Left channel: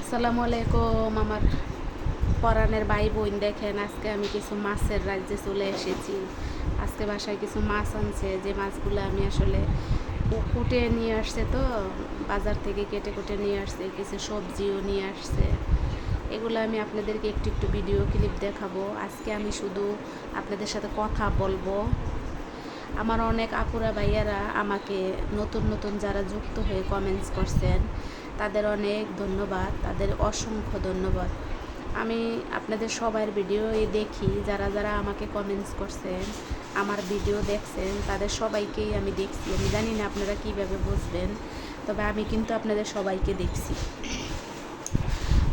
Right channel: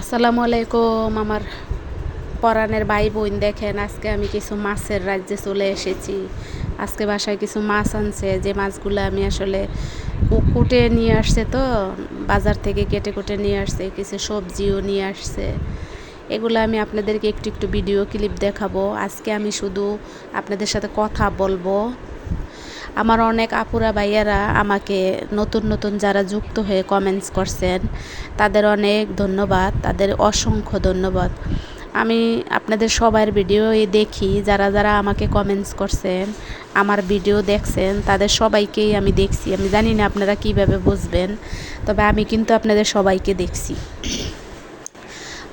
আসসালামু আলাইকুম আমার পরাণের ভাই বোন। দেখেন আজকে আমি কিছু মাছের রাজ্যে চলে এসেছি। আজকে বাসায় কিছু মাছ আনছে, যে মাছগুলো আমি আসলে কুটে নিয়ে আসছে, তো বাজার থেকে কেটে কুটে নিয়ে আসছে, কিছু সবজিও নিয়ে আসছে। এগুলো আমি আপনাদেরকে একটু একটু ভিডিও ক্লিপ দেখাবো। আজকে আমি শুধু আপনাদের সাথে কথা বলবো। আমার অনেক আপুরা ভাইয়ারা আমাকে নতুন নতুন যারা যুক্ত হয়ে কমেন্টস করছেন, তাদের অনেক ধন্যবাদ, তাদের অসংখ্য ধন্যবাদ। আমি আপনাদের সবার ভিডিওই দেখি, যারা যারা আমাকে কমেন্টস করছেন, আমার ভিডিও দেখছেন, তাদের সবাইকেই আমি দেখছি। আমি জানি না আপনারা কীভাবে বুঝবেন, তবে আমি কিন্তু আপনাদের সবাইকে দেখছি।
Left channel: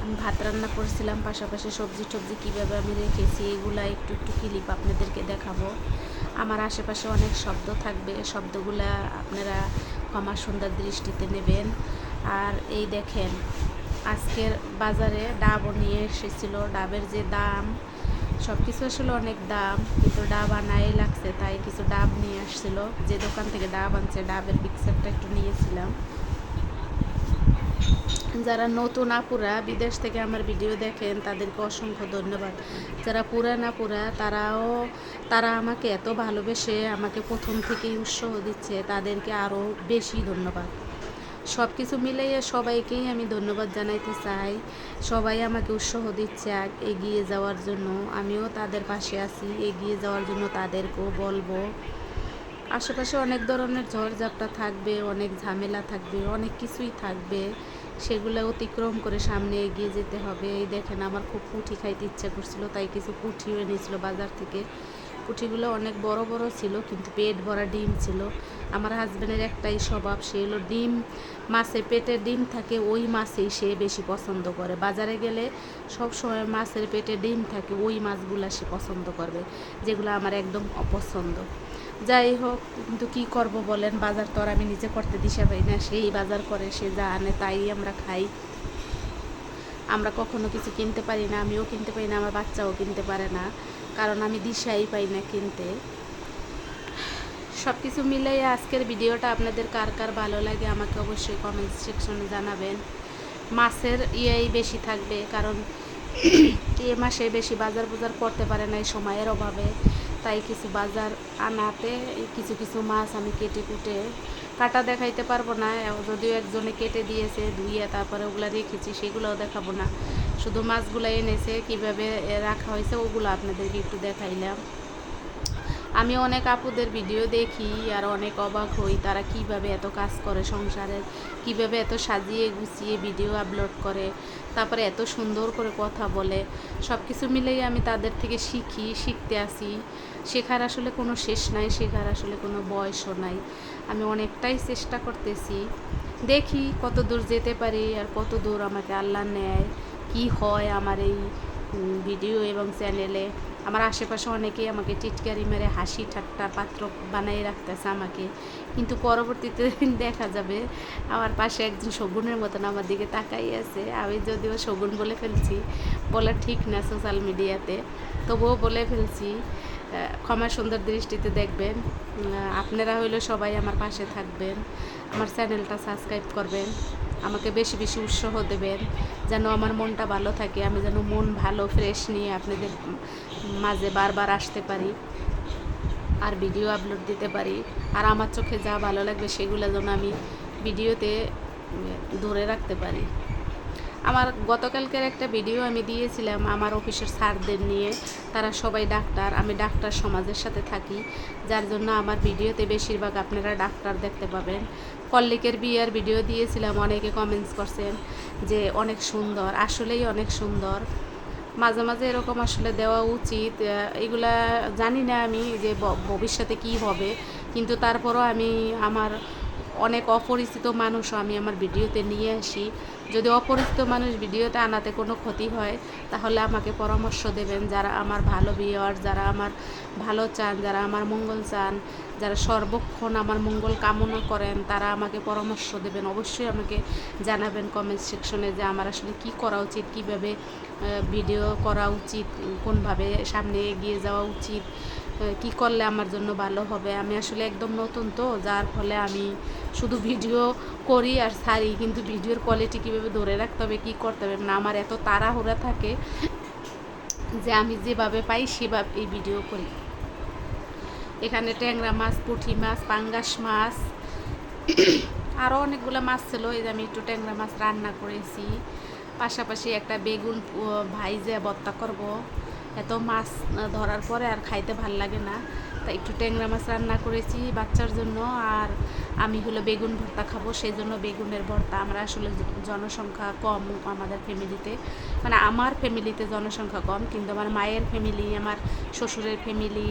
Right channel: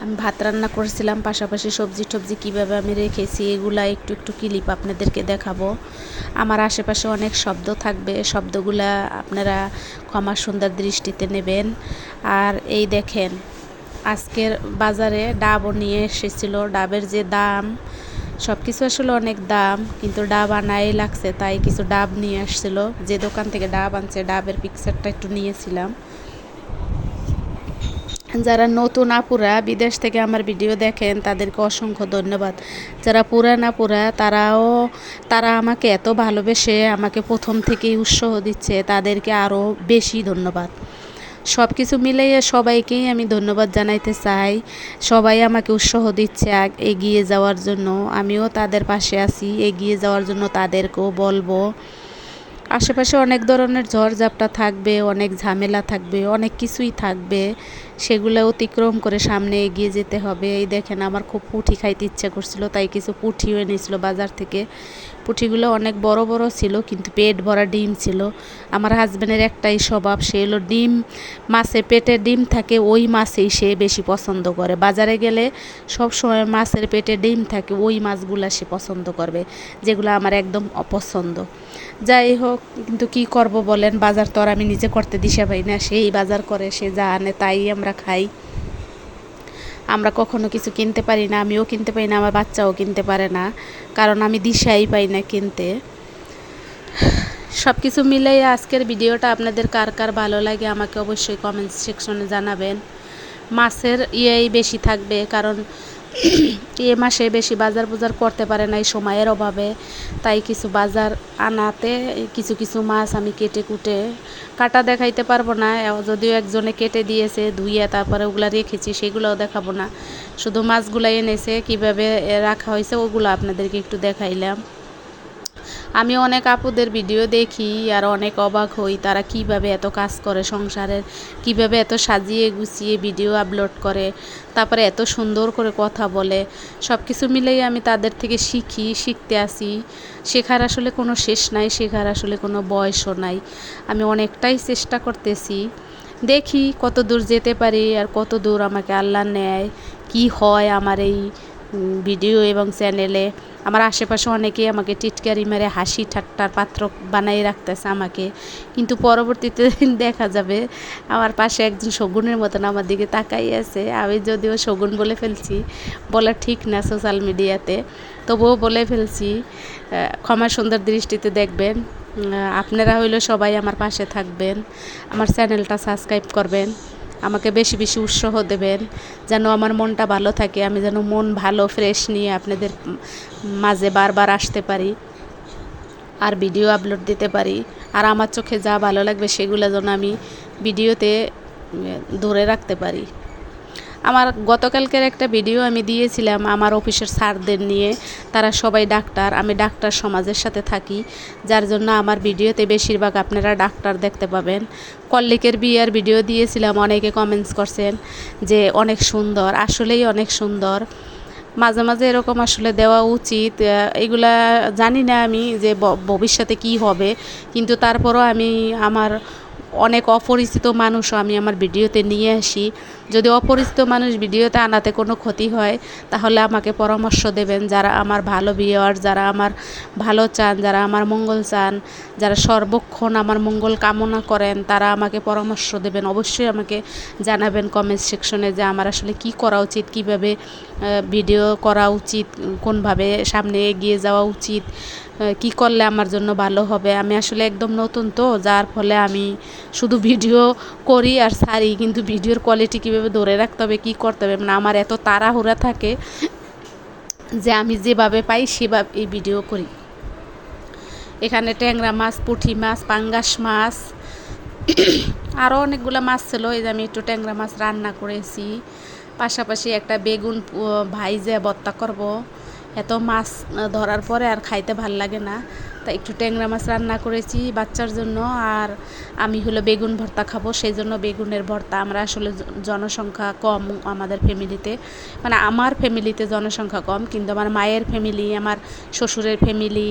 আমি ভাত রান্না করেছিলাম, পাশাপাশি সবজি টবজি কীভাবে আমি রেখেছি এগুলা একটু একটু ক্লিপ আপনাদেরকে দেখাবো। আমার আশেপাশে অনেক শব্দ থাকবে, শব্দগুলা আপনারা ক্ষমা সুন্দর দৃষ্টিতে নেবেন। আর এই দেখেন, আজকের বাজারে ডাবও নিয়ে এসেছিল। ডাবের যে দাম, সব কিছু আসলে অনেক দাম, কিন্তু ডাব আনাই লাগছে, তাই কিছু ডাব নিয়ে আসছিল। যে দোকান থেকে ডাব আনছে, ডাবের পিকচারটা একটু নিয়েছিলাম। যারা নতুন আপুরা বিদেশ থেকে আমার ভিডিও দেখেন, তাদেরকে অসংখ্য ধন্যবাদ। যারা পুরান আপুরা, তারা আমাকে এত ভালোবেসে আমাকে প্রথম থেকেই উৎসাহ দিচ্ছে, তাদেরকে আরও বেশি ধন্যবাদ। সব কিছু মিলিয়ে সবাইকেই আমি ধন্যবাদ জানাইতে চাই। সবাই আমাকে উৎসাহ দিচ্ছে এগিয়ে যাওয়ার জন্য। আমিও তাদের পাশে আছি, এগিয়ে যাওয়ার জন্য তাদেরকেও বলবো। আশেপাশে অনেক ধরনের ঝড়ঝাপটা থাকবে, অনেক ঝামেলা থাকবে, অনেক কিছুই থাকবে, সেগুলো অতিক্রম করে সামনে এগিয়ে যেতে হবে। এই দেখেন, আমার খুব পুঁটি খাইতে ইচ্ছা করছিল, তাই কিছু পুঁটিও এনেছিল বাজার থেকে। পুঁটিগুলো অনেক বড় বড় ছিল, কিন্তু পেট ভরা ডিম ছিল। আমার হাজব্যান্ডের একটাই স্বভাব, সে হলো ডিম, মাছে পেটে ডিম থাকে ওই মাছেই সে বেশি পছন্দ করে। বাজারে গেলে সব সময় মাছের পেটে ডিম থাকে ওই মাছগুলো সে পছন্দ করবে, যেগুলো আমার একদম অপছন্দ। যাই হোক, কিন্তু কি করব বলেন, বাজার তো আর আমি নিজে করতে দিশা পাই না। সেই বাজার করে, সে যা আনে তাই আমরা খাই। আমরা কখনো কিছু কিনতে পারি না, আমিও কিনতে পারি না, আমার বাচ্চাও কিনতে পারে না, কারণ আমি দিশাই পাই না কিনতে। সব কিছু মিলেই আজকের ভিডিওটা আপনাদের কার কার ভালো লাগে আমাকে অবশ্যই কমেন্ট সেকশনে জানাবেন। মাছের বেশি থাকবে, কারণ এ মাসে বেশি বাজার করতে পারে না এই সময়ের অভাবে, তাই কিছু বাজার আনাতে কিছু কিছু মাছ আমি কেটে কুটে, কাটা দেখাইতে পারবো না, যদিও একজনে কেটে দিয়েছে ধুইয়া, তারপরে ওগুলা রেখেছি, সেগুলোও দেখাবো না। শুধু মাছগুলো এনেছে, কিভাবে রাখা হয়েছে ওগুলো আপনাদেরকে একটু দেখাইলাম। আমি অনেক আপুদের ভিডিও দেখি আর অনেক অবাক হই, তারা কিভাবে এত কাজ করে সংসারের, কিভাবে এত সাজিয়ে গুছিয়ে ভিডিও আপলোড করে, তারপরে এত সুন্দর করে কথা বলে। সব কিছু মিলেই আমি তাদের থেকে শিখতে আসি। শেখার আসলে কোনো শেষ নাই, শেখার আসলে কোনো বয়সও নাই। আমি অনেকটাই চেষ্টা করতেছি, দেখি কত দূর যেতে পারি আর কত দূর আমাকে আল্লাহ নেয়, কি হয় আমার এই ভিডিও এবং চ্যানেলে। আমার আশেপাশে অনেকেই আমাকে টিটকারি মেরে হাসি ঠাট্টার পাত্র বানাই রাখতেছে আমাকে, কিন্তু পরবর্তীতে দেখা যাবে আমার পাশে একজন শগুনের মতন আমার দিকে তাকাই আছে। আমি যদিও শগুন বলে ফেলছি, বলা ঠিক না সোশ্যাল মিডিয়াতে, তবুও বলে ফেলছি। ক্ষমা সুন্দর দৃষ্টিতে দেখবেন। আপনারা হইলে সবাই আমার পাশে থাকবেন, আমার চ্যানেলটা সাবস্ক্রাইব করবেন, আমাকে বেশি বেশি উৎসাহ দেবেন, যেন আমার মনটা ভালো থাকে, আমি যেন মন ভালো ফ্রেশ নিয়ে আপনাদের মাঝে বারবার আসতে পারি আর ভিডিও আপলোড দিতে পারি। আর আমার চোখে যা ভালো লাগবে সেগুলো যেন আমি ভিডিওতে ধরে রাখতে পারি। আমার গতকালকের একটা ভিডিও আমি দিয়েছিলাম আমার অফিসের স্যারদের নিয়ে, তারা সবাই ডাক্তার, আমি ডাক্তার সমাজের সাথে থাকি, যার জন্য আমার ভিডিওতে বেশিরভাগ আপনারা ডাক্তার দেখতে পাবেন। কল্লিকের বিয়ের ভিডিও দিয়েছিলাম, অনেকে কমেন্টস করছেন যে অনেক সুন্দর, আসলেই অনেক সুন্দর। মাঝে মাঝে এরকম আসলে দেওয়া উচিত। এগুলা জানি না আমি যে ভবিষ্যতে কি হবে, কিন্তু তারপরও আমি আমার অনেক অপরিচিত মানুষও আমি আমার ভিডিওতে নিয়ে আসি। যদি অপরিচিত মানুষ ভিডিওতে আনাতে কোনো ক্ষতি হয়, তাহলে আমাকে পরামর্শ দেবেন। যারা আমার ভালো ভিউয়ার, যারা আমার ভালো চান, যারা আমার মঙ্গল চান, যারা সর্বক্ষণ আমার মঙ্গল কামনা করেন, তারা আমাকে পরামর্শ দেবেন। অবশ্যই আমাকে জানাবেন কমেন্ট সেকশনে যে আমার আসলে কি করা উচিত, কিভাবে ভিডিও করা উচিত, কোনভাবে সামনে এগিয়ে যাওয়া উচিত। কি করলে আমার জন্য ভালো হবে। আমি আসলে একদম নতুন তো, যার ফলে আমি শুধু ভিডিও করি আর ছাড়ি, কিন্তু ভিডিওর কোয়ালিটি কীভাবে ধরে রাখতে হবে, কী করতে হবে, মানে আমার এত তাড়াহুড়া থাকে যে আমি যেভাবে পাই সেভাবে এই ভিডিও করি। এখানে ট্যাংরা মাছ, পুঁটি মাছ, পাঙ্গাস মাছ, আরও অনেকগুলো মাছ ছিল। এই যে আমি একটু ট্যাংরা মাছ রান্না করেছি, পাশাপাশি একটা বেগুন ভাইজে ভর্তা করব। এত মাছ ধরার পরে আর খাইতে ভাল লাগে না, তাই একটু ট্যাংরা মাছ রান্না করেছি বাচ্চার জন্য, আর আমি হলো বেগুন ভর্তা খাবো, সেই জন্য বেগুনের ভর্তা। আমরা আসলে জনসংখ্যা কম আমাদের ফ্যামিলিতে, মানে আমার ফ্যামিলিতে জনসংখ্যা কম, কিন্তু আমার মায়ের ফ্যামিলি, আমার শ্বশুরের ফ্যামিলি,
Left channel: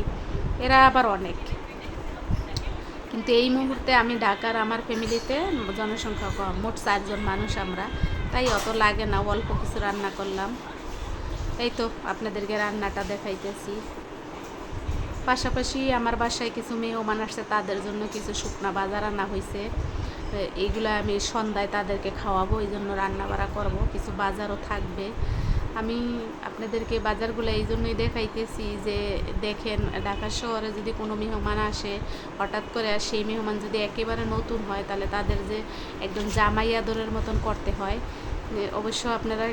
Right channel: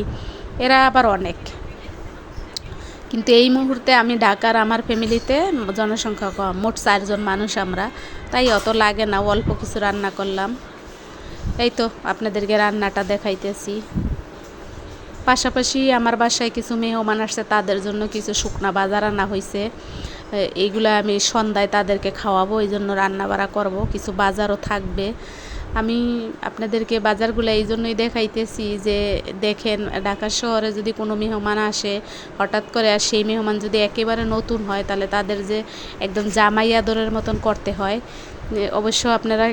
এরা আবার অনেক। কিন্তু এই মুহূর্তে আমি ঢাকার, আমার ফ্যামিলিতে জনসংখ্যা কম, মোট 4 জন মানুষ আমরা, তাই অত লাগে না, অল্প কিছু রান্না করলাম। এই তো আপনাদেরকে রান্নাটা দেখাইতেছি। পাশাপাশি আমার বাসায় কিছু মেহমান আসছে, তাদের জন্য কিছু শুকনা বাজার আনা হয়েছে, এইগুলো আমি সন্ধ্যায় তাদেরকে খাওয়াবো, এই জন্য রান্না বাড়া করবো, কিছু বাজারও থাকবে। আমি আপনাদেরকে বাজারগুলো এই জন্যই দেখাইতেছি যে দেখেন, ঢাকা শহরে যদি কোনো মেহমান আসে হঠাৎ করে, আর সেই মেহমান যদি একেবারে নতুন হয়, তাহলে তাদের যে একদম জামাই আদরের মতন করতে হয়। অবশ্য আপনারা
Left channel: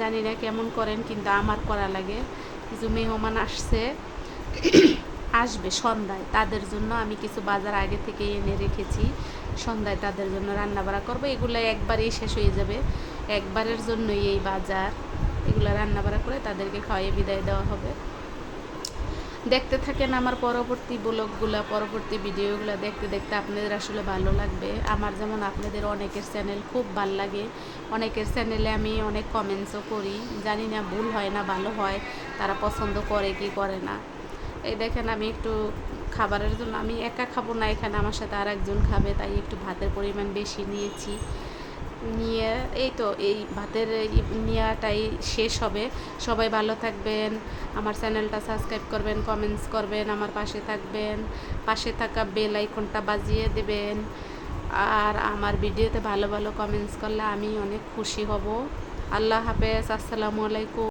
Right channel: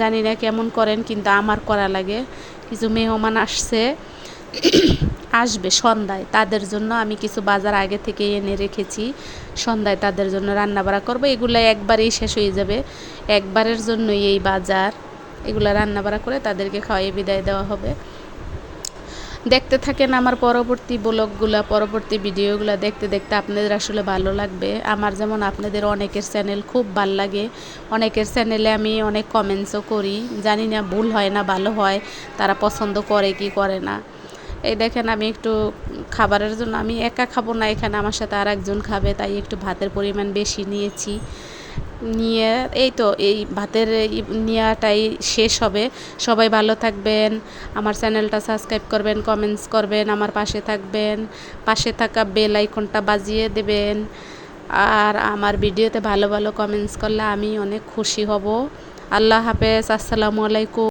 জানি না কেমন করেন, কিন্তু আমার করা লাগে। কিছু মেহমান আসবে সন্ধ্যায়, তাদের জন্য আমি কিছু বাজার আগে থেকে এনে রেখেছি, সন্ধ্যায় তাদের জন্য রান্না বাড়া করবো। এগুলো একবারেই শেষ হয়ে যাবে, একবারের জন্যই এই বাজার, এগুলো রান্না বাড়া করে তাদেরকে খাওয়াই বিদায় দেওয়া হবে। দেখতে থাকেন আমার পরবর্তী ব্লগগুলো, পরবর্তী ভিডিওগুলো দেখতে দেখতে আপনাদের আসলে ভালো লাগবে। আমার যেমন আপনাদের অনেকের চ্যানেল খুব ভাল লাগে, অনেকের চ্যানেলে আমি অনেক কমেন্টসও করি, জানি না ভুল হয় না ভালো হয়, তারা পছন্দ করে কি করে না। এই দেখেন, আমি একটু খাবারের জন্য, আমি একা খাবো না, এখানে আমার সাথে আর একজন খাবে, তাই একটু ভাতের পরিমাণ বেশি নিয়েছি। নিয়ে এই তো এই ভাতের নেওয়াটাই শেষ হবে। সবাই ভালো থাকবেন, আমার চ্যানেলটা সাবস্ক্রাইব করবেন, কমেন্টস করবেন, আমার পাশে থাকবেন, পাশে থাকা বেল আইকনটা বাজিয়ে দেবেন, আর আমার ভিডিওতে ভালো ভালো কমেন্টস করলে আমি অনেক খুশি হব। আল্লাহ হাফেজ, আসসালামু আলাইকুম।